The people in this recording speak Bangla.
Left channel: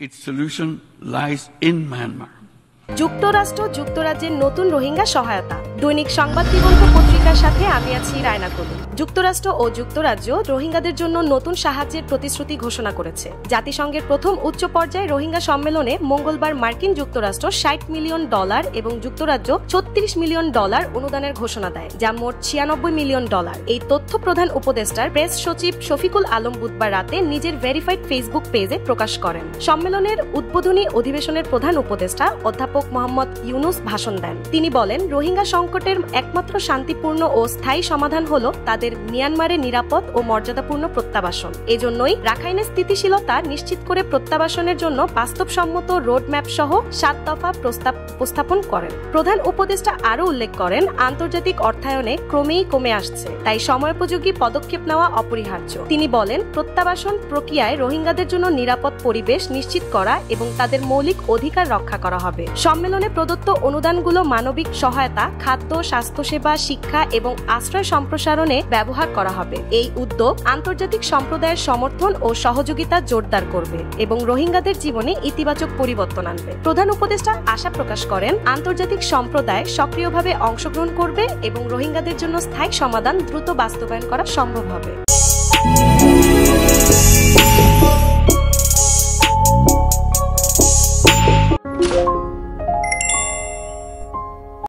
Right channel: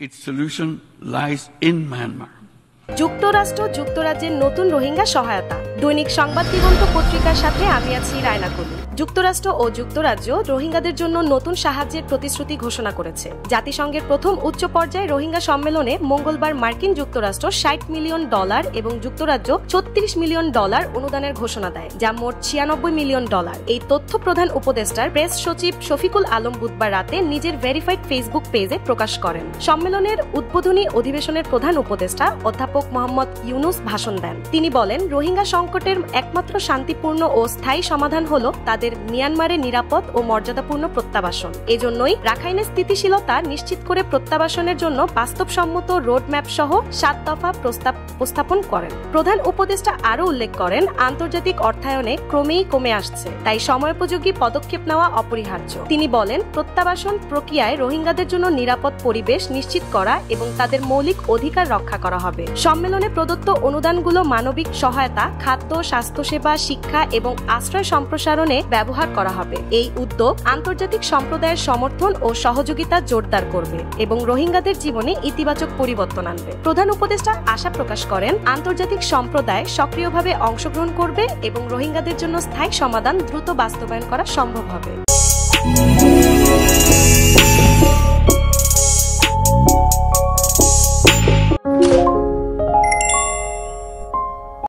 Its solution lies in Myanmar. যুক্তরাষ্ট্র যুক্তরাজ্যের নতুন রোহিঙ্গা সহায়তা। দৈনিক সংবাদ দিগন্ত পত্রিকার সাথে আমি আছি রায়না কলি। যুক্তরাষ্ট্র ও যুক্তরাজ্য রোহিঙ্গাদের জন্য নতুন সাহায্যের প্রতিশ্রুতি ঘোষণা করেছে। জাতিসংঘের প্রথম উচ্চ পর্যায়ে রোহিঙ্গা সম্মেলনে মঙ্গলবার মার্কিন যুক্তরাষ্ট্র $60 মিলিয়ন এবং যুক্তরাজ্য $36 মিলিয়ন অনুদানের ঘোষণা দেয়, যা মোট $96 মিলিয়ন। এই তথ্য প্রধান উপদেষ্টার প্রেস সচিব শফিকুল আলম বুধবার রাতে নিজের ভেরিফাইড ফেসবুক পেজে প্রকাশ করেন। সম্মেলনের উদ্বোধনী অধিবেশনের প্রধান উপদেষ্টা অধ্যাপক মোহাম্মদ ইউনুস ভাষণ দেন। তিনি বলেন, রোহিঙ্গা সংকটের একমাত্র শান্তিপূর্ণ ও স্থায়ী সমাধান হলো তাদের মিয়ানমারে নিরাপদ ও মর্যাদাপূর্ণ প্রত্যাবাসন। এজন্যই রাখাইনে স্থিতিশীলতা নিশ্চিত করে প্রত্যাবাসনের জন্য বাস্তবসম্মত রোডম্যাপ সহ 7 দফা প্রস্তাব উপস্থাপন করেন। প্রধান উপদেষ্টা আরও উল্লেখ করেন, আন্তর্জাতিক অর্থায়নে ক্রমেই কমে আসছে, তাই সময়োপযোগী পদক্ষেপ নেওয়া অপরিহার্য। তিনি বলেন, প্রত্যাবাসন প্রক্রিয়ায় রোহিঙ্গাদের জন্য নিরাপদ পরিবেশ নিশ্চিত করা এবং তাদের মৌলিক অধিকার রক্ষা করা হবে। সম্মেলনে প্রদত্ত অনুদানগুলো মানবিক সহায়তা, খাদ্য, স্বাস্থ্যসেবা, শিক্ষা এবং আশ্রয় সম্প্রসারণে ব্যবহার করা হবে। এই উদ্যোগ আন্তর্জাতিক সম্প্রদায়ের সমর্থন ও সহযোগিতা জোরদার করবে এবং রোহিঙ্গাদের জীবনে ইতিবাচক পরিবর্তন আনবে। প্রধান উপদেষ্টা আশা প্রকাশ করেন, আন্তর্জাতিক সম্প্রদায় সক্রিয়ভাবে অংশগ্রহণ করবে এবং রোহিঙ্গাদের জন্য স্থায়ী সমাধান দ্রুত বাস্তবায়ন করা সম্ভব হবে।